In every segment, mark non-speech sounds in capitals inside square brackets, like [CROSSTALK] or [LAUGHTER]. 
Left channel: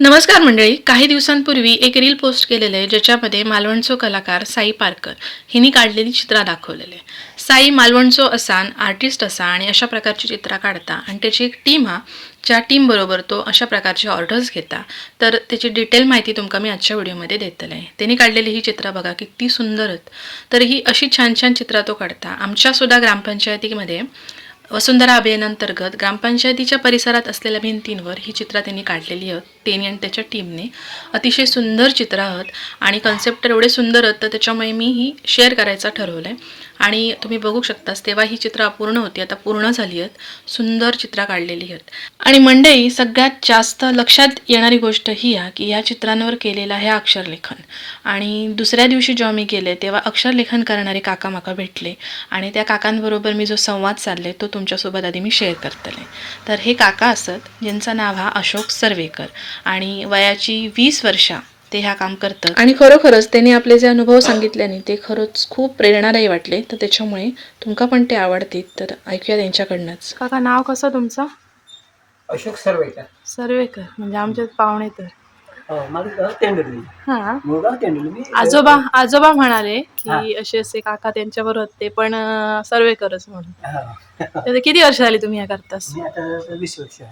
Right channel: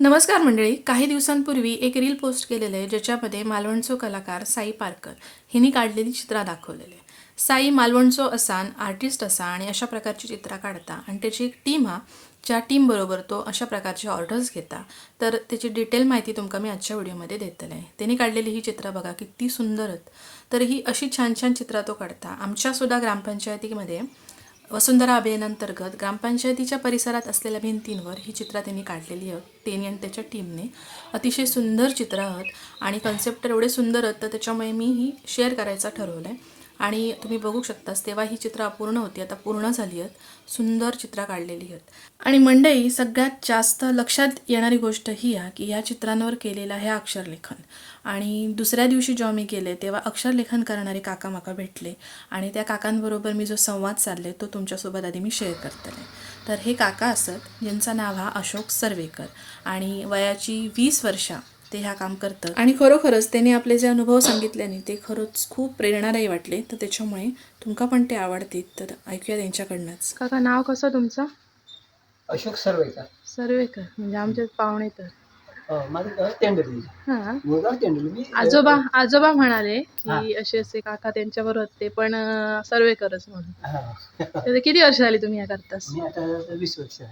नमस्कार मंडळी. काही दिवसांपूर्वी एक रील पोस्ट केलेलं आहे ज्याच्यामध्ये मालवणचो कलाकार साई पारकर हिने काढलेली चित्रा दाखवलेली आहे. साई मालवणचो असान आर्टिस्ट असा आणि अशा प्रकारची चित्रा काढता आणि त्याची एक टीम हा ज्या टीमबरोबर तो अशा प्रकारचे ऑर्डर्स घेता तर त्याची डिटेल माहिती तुमका मी आजच्या व्हिडिओमध्ये देतले आहे त्यांनी काढलेली ही चित्रा बघा किती सुंदर आहेत. तर ही अशी छान छान चित्रा तो काढता. आमच्यासुद्धा ग्रामपंचायतीमध्ये वसुंधरा अभियानांतर्गत ग्रामपंचायतीच्या परिसरात असलेल्या भिंतींवर ही चित्रा त्यांनी काढलेली आहेत त्यांनी आणि त्याच्या टीमने अतिशय सुंदर चित्र आहोत. आणि कन्सेप्ट एवढे सुंदर आहेत तर त्याच्यामुळे मी ही शेअर करायचं ठरवलं आहे आणि तुम्ही बघू शकतास तेव्हा ही चित्र अपूर्ण होती आता पूर्ण झाली आहेत. सुंदर चित्र काढलेली आहेत. आणि मंडई सगळ्यात जास्त लक्षात येणारी गोष्ट ही आहे की या चित्रांवर केलेलं आहे अक्षरलेखन. आणि दुसऱ्या दिवशी जेव्हा मी गेले तेव्हा अक्षरलेखन करणारे काका माका भेटले. आणि त्या काकांबरोबर मी जो संवाद साधले तो तुमच्यासोबत आधी मी शेअर करतले तर हे काका असत ज्यांचं नाव हा अशोक सर्वेकर. आणि वयाची वीस वर्षा ते ह्या काम करतात. आणि खरोखरच त्यांनी आपले जे अनुभव सांगितल्याने ते खरंच खूप प्रेरणादायी वाटले तर त्याच्यामुळे तुमका पण ते आवडतील तर ऐकूया त्यांच्याकडनंच. काका नाव कसं तुमचं? अशोक सर्वेकर. सर्वेकर म्हणजे आमचे पाहुणे तर. हो, हां. आजोबा आजोबा म्हणाले. की असे असे काका त्यांच्याबरोबर होते पण सर्वेकरच म्हणून. हा. तर किती वर्ष झाली तुम्ही हे करतास? मी आता वीस वर्ष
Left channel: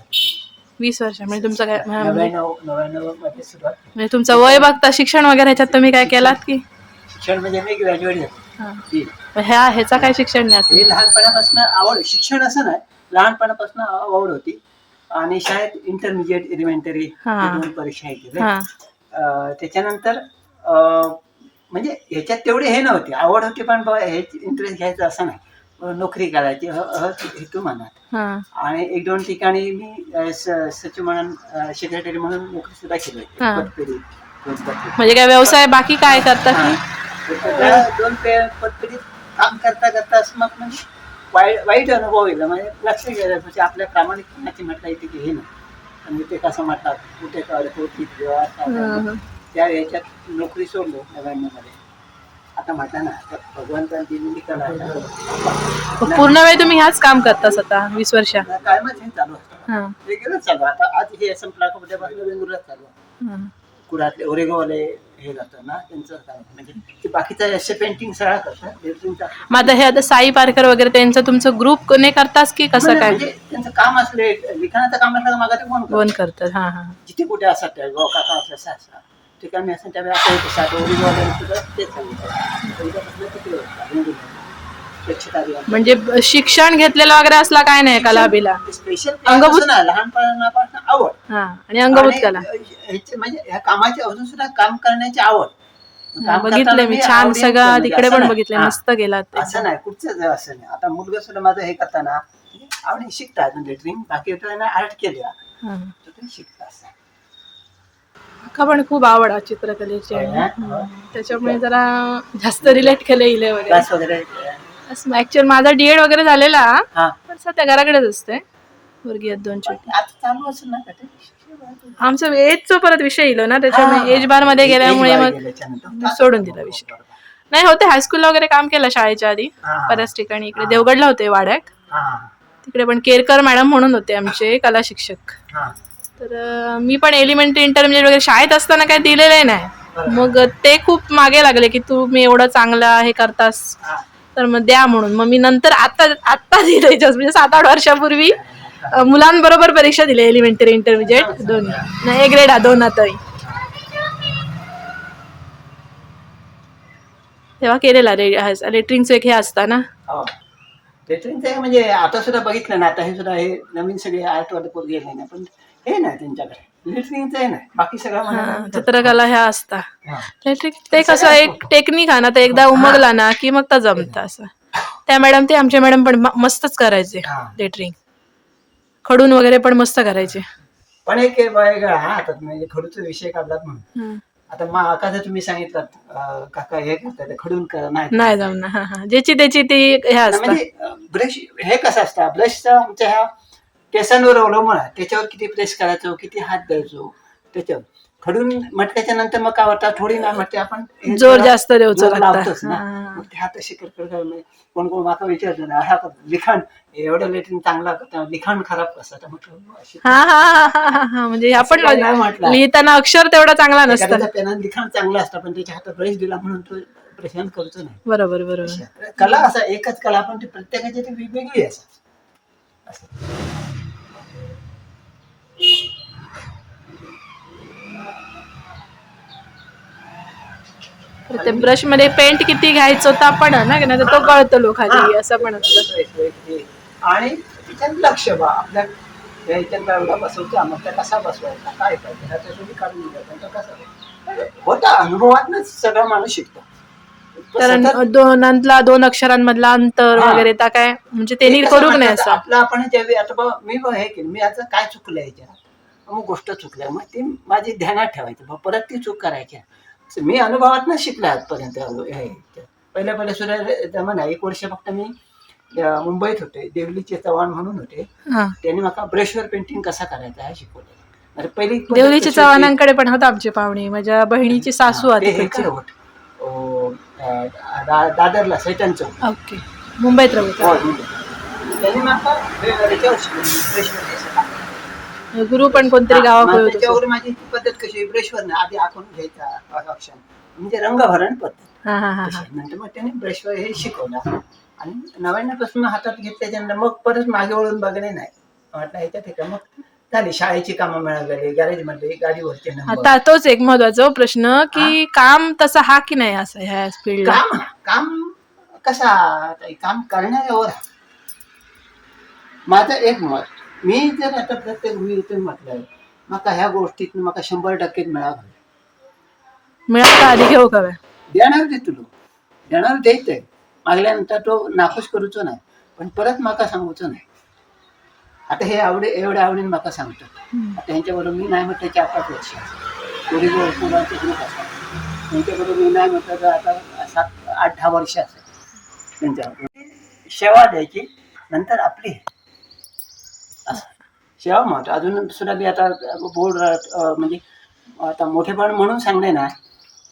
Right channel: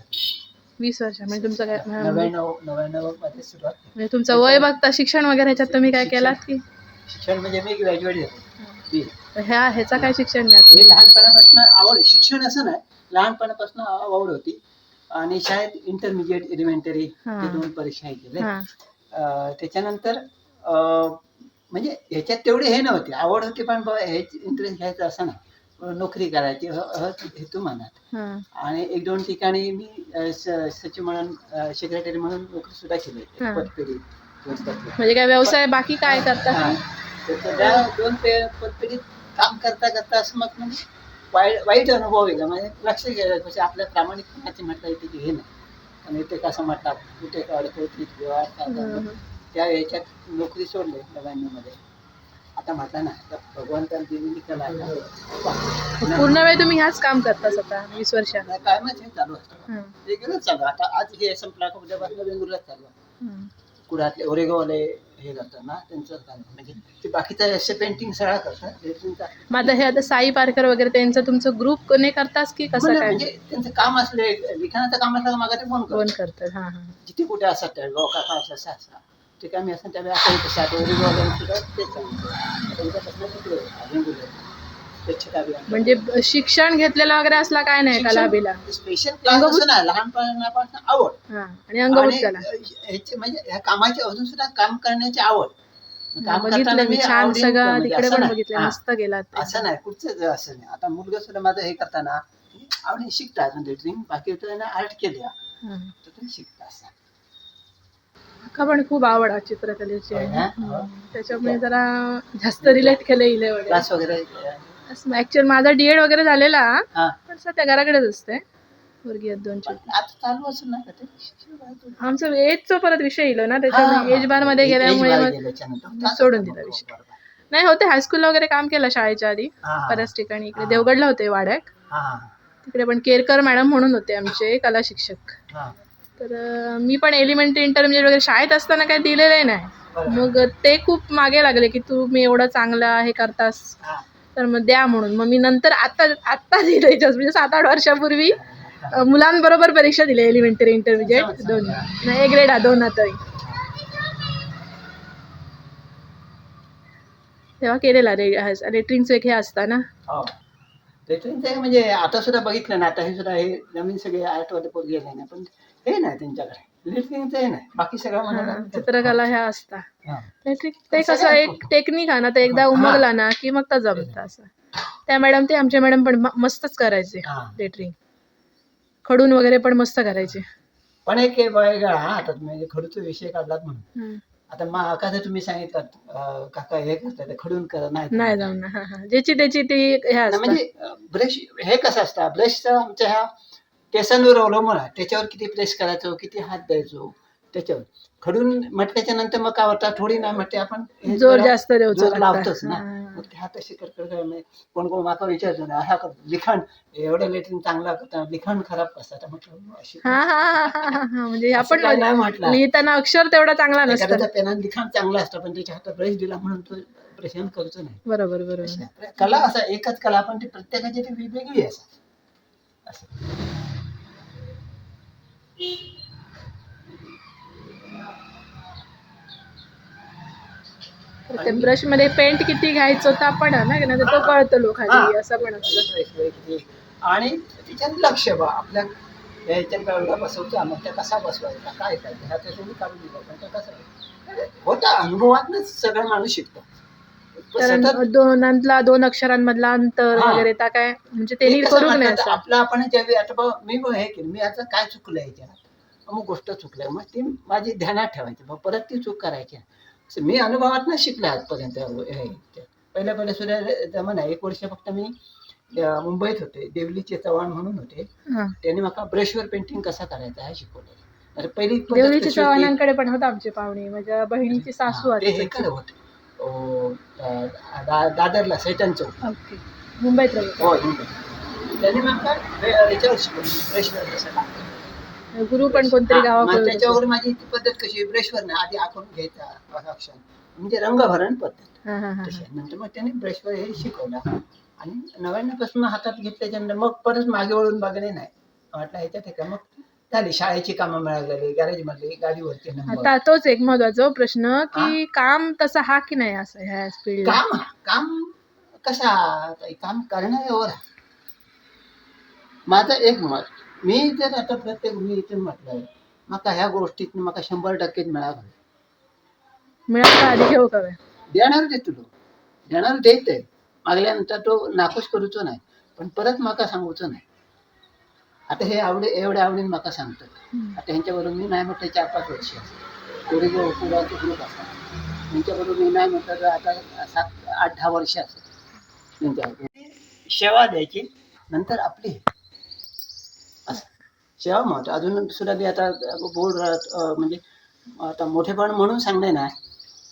वीस वर्ष. म्हणजे तुमचं काय म्हणजे नव्याण्णव नव्याण्णवमध्ये सुरुवात. म्हणजे तुमचं वय बघता शिक्षण वगैरे ह्याच्यात तुम्ही काय केलात की? शिक्षण म्हणजे मी ग्रॅज्युएट झालो. हा. ह्या ह्याचा काय शिक्षण नाही असलं? लहानपणापासून आवड शिक्षण असं नाही लहानपणापासून आवड होती. आणि शाळेत इंटरमिजिएट एलिमेंटरी हा. दोन परीक्षा हे केल्या हा. अं, त्याच्यानंतर अं, म्हणजे ह्याच्यात तेवढे हे नव्हते. आवड होती पण हे इंटरेस्ट घ्यायचं असं नाही. नोकरी करायची ह ह हेतू हा आणि एक दोन ठिकाणी मी अ, स- सचिव म्हणून सेक्रेटरी म्हणून नोकरी सुद्धा केली हा. पतपेढी दोन पतपेढी. म्हणजे काय व्यवसाय बाकी काय करता हा. की तर त्या दोन पे- पतपेढीत काम करता करता असं मग म्हणजे वाईट वाईट अनुभव येईल म्हणजे लक्ष गेलं म्हणजे आपल्या प्रामाणिकपणाची म्हटलं येते की हे नाही आणि ते कसं म्हणतात कुठे होती काय झाला. त्या याच्यात नोकरी सोडली नव्याण्णवमध्ये आता ना आता भगवंतांची दिलेली कला आहे ना. पूर्ण वेळ तुम्ही ह्याच काम करतास आता वीस वर्ष कायमच हे चालू असतं हा रेग्युलर चालू. आता आज हे संपला का उद्यापासून वेगवेगळं चालू आहे. हा. कुडातले ओरेगोवाले हे करतात ना त्यांचं काम म्हणजे ते बाकीचं असे पेंटिंग सगळा करतात लेटरिंगचा मग आता हे आता साई पारकर वगैरे त्यांचं तुमचं ग्रुप कोणी करतास की कसं काय म्हणजे त्यांचं काम असले लिखाणाचं काम असलं का मागा ते कोण कोण करतं? करतात हा हा जिथे कुठे असतात गाव काका असं असं असं ते कमी असतात त्यावेळी असं होतं साठ ओरेगोवाले सुद्धा. स्वच्छता अभियान. म्हणजे शिक्षण घेतलेलं वगैरे असला काय नाही कलाबीला स्पेशल अंगभूत- लहानपणापासून आवड हा आणि अंगभूत आणि कला ह्याचे म्हणजे ह्या कामाची अजून सुद्धा काम करण्याची आवड काम करताना मी छान आवडीने सगळं म्हणजे तिकडे असं पण नाही. हा. मस्त गेलात असं नाही कुठचंच असं नाही आता मुलगा सुद्धा माझं हे करताना आवडीने शिकता अजून लेटरिंग बाकी आर्ट केल्या. तर ते शिकता असं का पण खूप आवड आहे चित्रकलेची. ना? हम्म. त्याच्यामुळे जरा जास्त रिलेट केलं इले वगैरे. क्लास वगैरे? ऍक्च्युअल माझा डीएड वगैरे झालेला. हा. पण सध्या घराकडेच असते मुलगी आहेत दोन छोटी. आता चालू असेल ना का ते? आमचं एजचा परत विषय येलो ना हा, त्याच्यामुळे एज बारमध्ये गेल्यामुळे मग. सोडून दिला विषय. नाही होते हायस्कूलला वगैरे काम केलं शाळेच्या आधी. हा, हा. बऱ्याच ठिकाणी. इकडे देवगडला होते वाड्यात. हा, तिकडे पण केरकर मॅडम म्हणून होते आमचे कला शिक्षक. हा. तर मी पण एलिमेंटरी इंटरमिजिएट वगैरे शाळेत असताना काय दिलेलं नाही. मग ते खूप मागे लागले की तू मी एवढं चांगलं हे करतास हा. तर मग द्या म्हणून मग मी नंतर आता आत्ता दिले म्हणजे सात आठ वर्षापूर्वी मुलांबरोबर परीक्षा दिली एलिमेंटरी इंटरमिजिएट दोन्ही नाही एक ग्रेड हा दोन आताही तेव्हा केलेला लेटरिंगचं एक हे असतं ना हो. लेटरिंगचं आहे म्हणजे आता सुद्धा बघितलं ना आता हे सुद्धा हे नवीन सगळे आर्ट वाले पोरगे गेले नाही पण हे नाही त्यांच्याकडे. लेटरिंगचं आहे नाही. बाकी सगळं हा, म्हणा चित्रकला ह्या असता. हा. ते कसं एक टेक्निक आहे ना ते एकदा उमगला ना की मग तर जमतं असं. त्या मॅडम ते आमचे मॅडम पण म- मस्तच करायचे हा. लेटरिंग खडून वगैरे पण मस्त करायचे. पण एक हे वेगळा हा. आता म्हणजे खडूचा विषय काढलात म्हणून. हं. आता मग आता तुम्ही सांगितलं अं, काका हे करतात ते खडून करा नाही नाही जमणार. हा हा. ज्याची त्याची ती हे ना, असतं. म्हणजे ब्रश हे कसं असतं? ब्रशचा आमच्या ह्या केसांवर अवलंबून आहे. त्याच्यावर किती प्रेस करायचो किती हात द्यायचो त्याच्यावर. खडून म्हटल्याच्या नंतर मग काय होतं थोडी ना म्हटते आपण जोर जास्त. लावतोच ना. मग ते हात अशी करकर कोण कोण माका विचारतो ना हा लिखाण एवढं लेटिन चांगला करता लिखाण खराब कसा? म्हटलं म्हणजे आपण नाही म्हटलं. लिहिताना अक्षर तेवढा चांगला नसतं. पेनानं लिखाण चांगलं असतं पण त्याच्या हातात ब्रश दिला म्हणून तो प्रशांत करतो नाही बरोबर बरोबर. कला असा एकच कला पण ती प्रत्येकाची ती वेगवेगळी आहे असं असं तर ते ब्रशमध्ये पेंट किती घ्यायचं होतं आपण ना? की नाही तर तो कळतो लोकांनी असं पण असतं. आणि त्याच्यात लक्ष बा आपल्या एवढा मग त्या कसा बसवायचा? काय करायचं ह्याच्या तुम्ही काढून दिलं पण तो कसा? होता अनुभवातच सगळा माणूस शिकतो. पण कारण दोनांतला दोन अक्षरांमधला अंतर. वगैरे त्या काय म्हणजे त्यांनी ते नाही म्हणतात, असं. आपलं आपण ज्यावेळी आता बा मी हे केलं. मी आता काय चुकलं याच्यात? मग गोष्ट चुकल्या. मग ती माझी ध्यानात ठेवायची. बा परत ती चूक करायची मी अनुभवात शिकलो आजपर्यंत हे. पहिल्या पहिल्या सुद्धा जमाना एक वर्ष फक्त मी मुंबईत होते. देवलीचे चव्हाण म्हणून होते. त्यांनी मला ब्रशवर पेंटिंग कसा करायचा हे शिकवलं. पहिली देवलीच्या? चव्हाणांकडे पण होता आमची पाहुणी. माझ्या बहिणीची सासू आधी दादरला सैतान चौक. ओके. मुंबईत राहू हो. त्यांनी मला याच्यावर शिकवलं. गुरु पण कोणतरी गावाकडे त्याच्यावर माझी ती पद्धत कशी ब्रशवर ना आधी आखून घ्यायचा म्हणजे रंगभरण पद्धत. हा हा हा हा. नंतर मग त्याने ब्रशवर हे शिकवलं. आणि नव्याण्णवपासून हातात घेतल्याच्यानंतर मग परत मागे वळून बघणे नाही. म्हटलं ह्याच्यात हे का? मग झाली. शाळेची कामं मिळालेली गॅरेज मधले गाडीवरचे नंबर आता तोच एक महत्त्वाचा प्रश्न की काम तसं हा की नाही असं ह्या फील्डला काम काम कसा? ताई, काम करण्यावर. माझं एक मत मी जर आता प्रत्येक भूमीतून म्हटलं मका ह्या गोष्टीत मका शंभर टक्के मिळावं मिळाला आधी घेऊ का बे? देणार दे तुला. देणार देते. मागल्यानंतर तो नाखुश करूचो नाही पण परत माका सांगूचो नाही. आता हे आवडे एवढ्या आवडीने माका सांगतो. आता ह्यांच्याबरोबर मी नाही म्हटलं चार पाच वर्ष. पुढे जो पुढाचे ग्रुप असा त्यांच्याबरोबर मी नाही म्हटलं तर आता सात आठ दहा वर्ष असेल. त्यांच्याबरोबर सेवा द्यायची नंतर आपली. सेवा महत्त्व अजून सुद्धा मी आता बोर्ड म्हणजे आता मोठेपण म्हणून सांगणे ना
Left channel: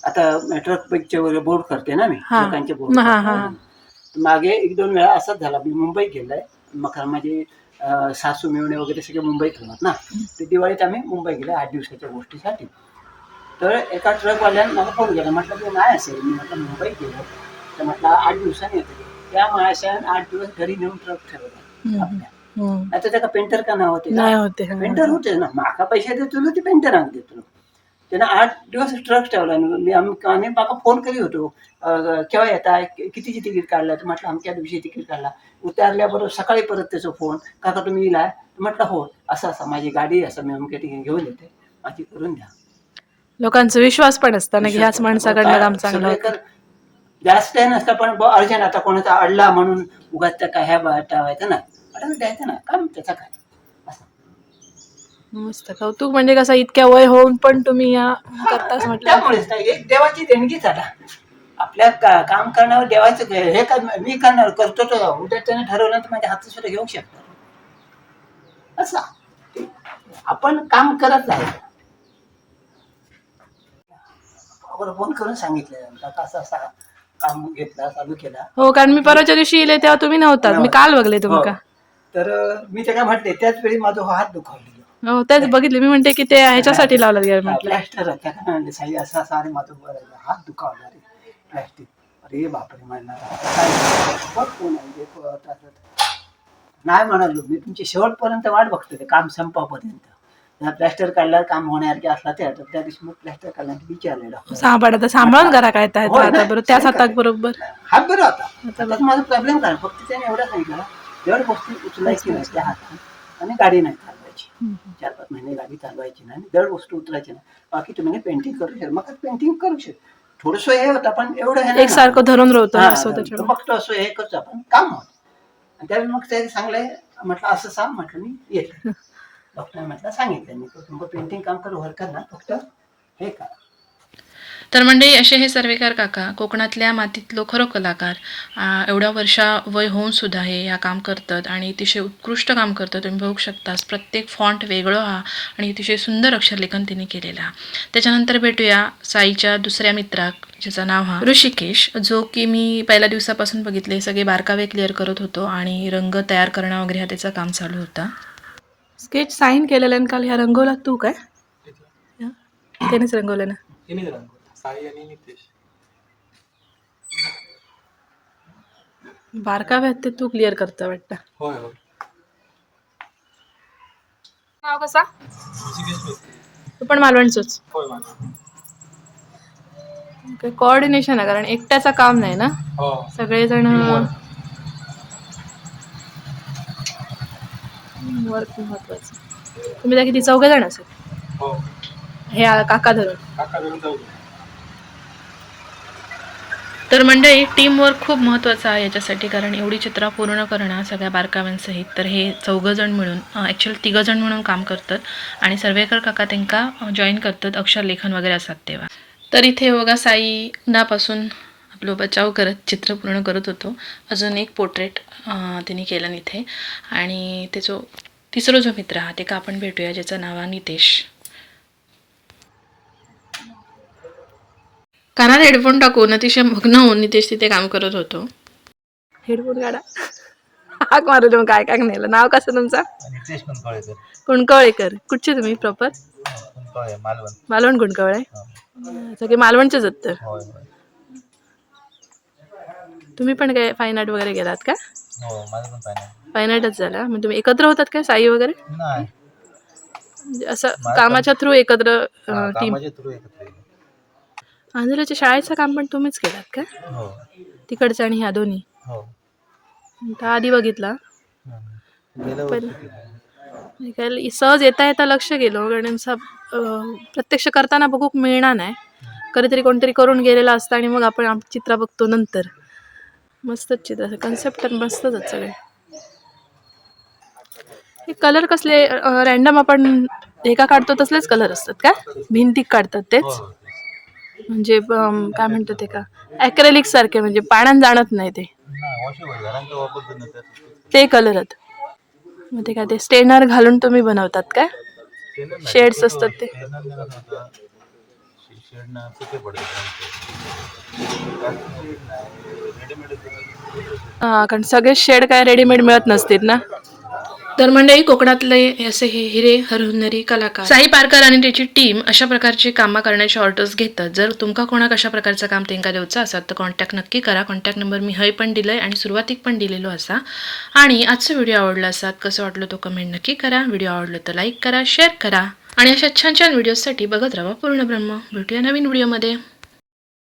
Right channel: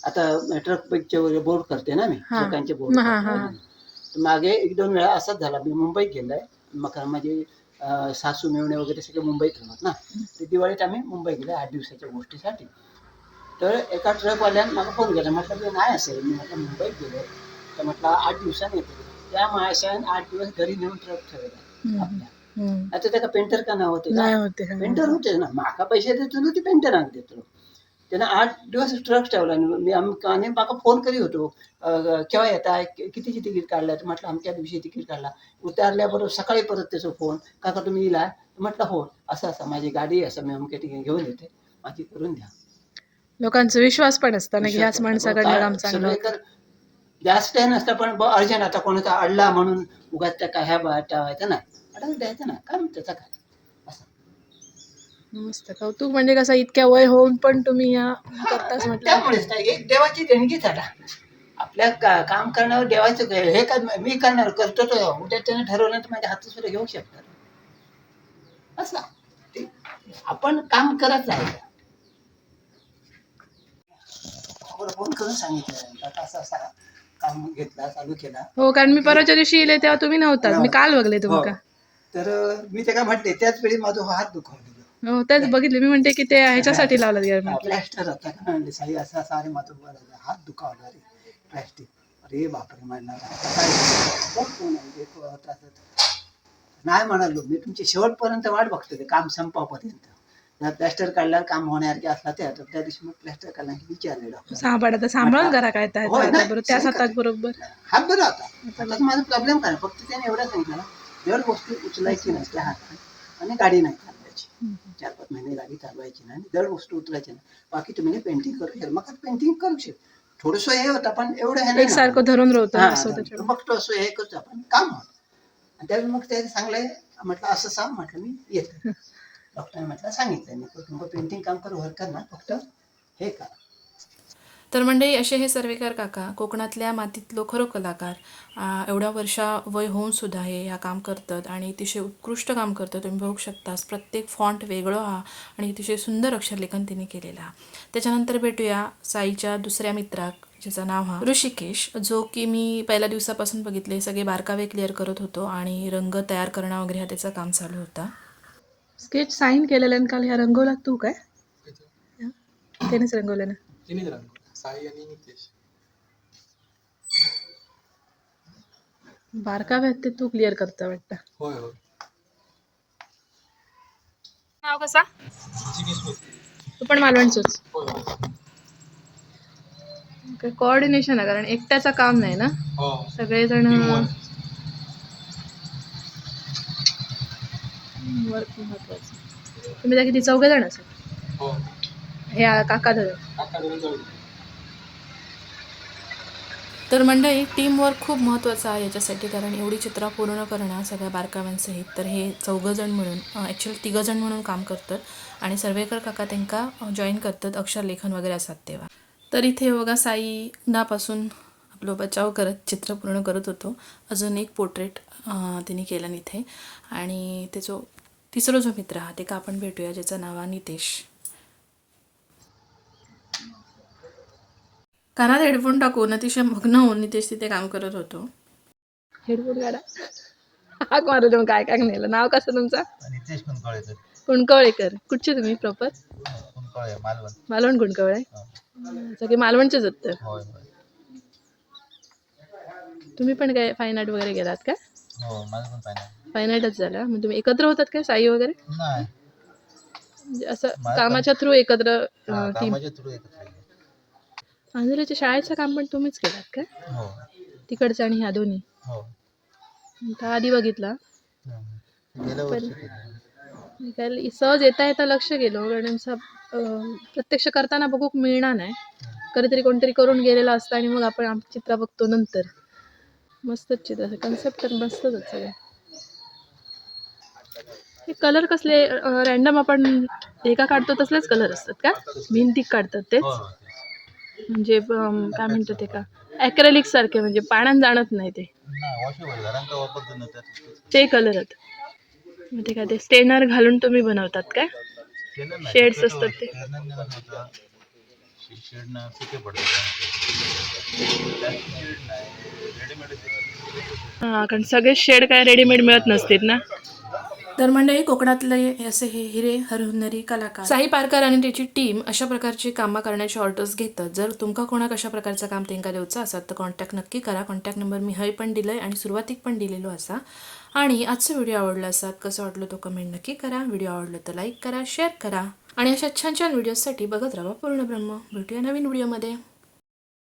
आता ट्रक बाईकचे वगैरे बोर्ड करते ना मी. लोकांचे बोर्ड. मागे एक दोन वेळा असाच झाला मी मुंबईत गेलाय मग माझे सासू मिळणे वगैरे सगळे मुंबईत राहतात ना ते दिवाळीत आम्ही मुंबई गेले आठ दिवसाच्या गोष्टीसाठी तर एका ट्रकवाल्यानं मला फोन केला म्हटलं की नाही असेल मी म्हटलं मुंबईत गेलो तर म्हटलं आठ दिवसांनी येते त्या माशान आठ दिवस घरी नेऊन ट्रक ठेवला. आपल्या. आता त्याला पेंटर का नाव होते. पेंटर होते ना. माका पैसे देतो ना ते पेंटर आणून देतो. त्यानं आठ दिवस ट्रक ठेवला. मी आम- आणि माका फोन करी होतो. केव्हा येता? कितीची तिकीट काढला? तर म्हटलं अमक्या दिवशी तिकीट काढला. उतारल्याबरोबर सकाळी परत त्याचा फोन. काका तुम्ही येला म्हटलं हो. असं असं. माझी गाडी असं मी अमक्या ठिकाणी घेऊन येते. माझी करून द्या. लोकांचा विश्वास पण असतं ना ह्याच माणसाकडनं काम चांगलं जास्त नसतं पण अर्जंट. आता कोणाचा अडला म्हणून उगाच त्या काय ह्या ठेवायचं नाही अडवून द्यायचं ना काम त्याचा काय मस्त कौतुक म्हणजे कसं इतक्या वय होऊन पण तुम्ही या करताच म्हटलं. त्यामुळेच हे देवाची देणगीच आता आपल्या का- काम करण्यावर देवाचं हे कर मी करणार करतो तो. उद्या त्याने ठरवलं तर माझ्या हातात सुद्धा घेऊ शकतात. असं आपण काम करत आहे बरोबर फोन करून सांगितलं. आता असं असं काम घेतला चालू केला. हो कारण मी परवाच्या दिवशी येले तेव्हा तुम्ही नव्हतात. मी काल बघले तुम्ही हो. तर मी त्याला म्हटले त्याच वेळी माझा हात दुखावले हो तेच बघितले मी म्हणते की ते ह्याच्यासाठी लावलं गेलं म्हटलं. प्लॅस्टर साई असा असा अरे माझं हात दुखावला रे प्लॅस्टिक. अरे बापरे म्हणणार. नाही म्हणालो मी तुमची शेवटपर्यंत वाट बघतो ते काम संपापर्यंत. जर प्लॅस्टर काढल्यावर काम होण्यासारखे असला ते तर त्या दिवशी मग प्लॅस्टर काढल्यानंतर विचारले डॉक्टर सांभाळ सांभाळून करा काय त्या ना? आता बरोबर. त्याच हात बरं आता माझा प्रॉब्लेम काय फक्त त्याने एवढं सांगितलं जड गोष्टी उचलायची नाही त्या हातात. आणि गाडी नाही चालवायची. चार पाच महिने गाडी चालवायची नाही जड वस्तू उतरायची नाही. बाकी तुम्ही पेंटिंग करू शकता मग पेंटिंग करू शकता थोडस हे होतं पण एवढं हे नाही सारखं. धरून राहतं बघतो असं हे करतो आपण काम होत. आणि त्यावेळी मग ते सांगले म्हटलं असं सांग म्हटलं मी येते. [LAUGHS] डॉक्टर म्हटलं सांगितलं. मी तुमचं पेंटिंग काम करू हरकत ना फक्त हे करा. तर म्हणजे असे हे सर्वेकार काका कोकणातल्या मातीतलो खरो कलाकार आ, एवढ्या वर्षा वय होऊन सुद्धा हे या काम करतात आणि अतिशय उत्कृष्ट काम करतात. तुम्ही बघू शकतास प्रत्येक फॉन्ट वेगळं हा आणि अतिशय सुंदर अक्षरलेखन तिने केलेलं हा. त्याच्यानंतर भेटूया साईच्या दुसऱ्या मित्राक ज्याचं नाव हा ऋषिकेश जो की मी पहिल्या दिवसापासून बघितले सगळे बारकावे क्लिअर करत होतो आणि रंग तयार करणं वगैरे हा त्याचं काम चालू होता. स्केच साईन केलेलं काल? ह्या रंगवला तू काय? त्यानेच रंगवलं ना? साई आणि नितेश. बारकावे आहेत ते तू क्लिअर करता वाटतं. होय होय. नाव कसा? ऋषिकेश मिस्त्री तू पण मालवणचंच. होय होय. कोऑर्डिनेशन आहे कारण एकट्याचं काम नाही ना? हो. सगळेजण Teamwork. वर्क महत्वाचं तुम्ही त्या किती चौघ जण असेल? हो. हे आ- काका धरून. काका धरून जाऊ दे. तर मंडळी टीमवर्क खूप महत्त्वाचं आहे याच्यासाठी कारण एवढी चित्र पूर्ण करणं सगळ्या बारकाव्यांसहित. तर हे चौघंजण मिळून ॲक्च्युली तिघंजण म्हणून काम करतात आणि सर्वेकर काका त्यांका जॉईन करतात अक्षरलेखन वगैरे असतात तेव्हा. तर इथे बघा साई उन्हापासून आपलं बचाव करत चित्र पूर्ण करत होतो. अजून एक पोर्ट्रेट तिने केलं इथे. आणि त्याचो तिसरा जो मित्र हा ते का आपण भेटूया ज्याचं नाव आहे नितेश. कानात हेडफोन टाकून अतिशय मग्न होऊन नितेश तिथे काम करत होतो. हेडफोन काढा. हाक मारू देऊन काय काय नेलं. नाव कसं तुमचं? कुणकवळेकर कुठचे तुम्ही? प्रॉपर? कुंकळे मालवण. मालवण कुणकवळे सगळे मालवणचेच आहेत तर? होय होय. तुम्ही पण काय फाईन आर्ट वगैरे गेलात का? हो माझं पण फायनल फाईन आर्टच झाला. मग तुम्ही एकत्र होतात काय साई वगैरे? नाही. म्हणजे असं कामाच्या थ्रू एकत्र हा, टीम कामाच्या थ्रू एकत्र येईल. आंध्राच्या शाळेचं काम पण तुम्हीच केलात का? हो. तिकडचं आणि ह्या दोन्ही? हो. आधी बघितला. हम्म. गेल्या वर्षी केलं. मी काय सहज येता येता लक्ष गेलो कारण असं, अं, प्रत्यक्ष करताना बघूक मिळणार नाही. कधीतरी कोणतरी करून गेलेला असतं आणि मग आपण आप- चित्र बघतो नंतर. मस्तच चित्र कन्सेप्ट तर मस्तच आहेत सगळे. हे कलर कसले रॅन्डम आपण एका काढतो तसलेच कलर असतात का? भिंतीक काढतात तेच? तेच. म्हणजे काय म्हणतात ते का? ॲक्रेलिक सारखे म्हणजे पाण्यात जाणत नाही ते. ते कलर आहेत. मग ते काय ते स्टेनर घालून तुम्ही बनवतात काय शक्यतो असतात ते. हां कारण सगळे शेड काय रेडीमेड मिळत नसतील ना? तर मंडळी कोकणातले असे हे हिरे हरहुन्नरी कलाकार. साई पारकर आणि त्याची टीम अशा प्रकारची कामं करण्याचे ऑर्डर्स घेतात. जर तुमका कोणाक अशा प्रकारचं काम तेंका देऊचं असात तर कॉन्टॅक्ट नक्की करा. कॉन्टॅक्ट नंबर मी हय पण दिलंय आणि सुरुवातीक पण दिलेलो असा. आणि आजचा व्हिडिओ आवडला असात कसं वाटलं तो कमेंट नक्की करा. व्हिडिओ आवडलं तर लाईक करा शेअर करा. आणि अशा छान छान व्हिडिओजसाठी बघत राहा पूर्ण ब्रह्म. भेटूया नवीन व्हिडिओमध्ये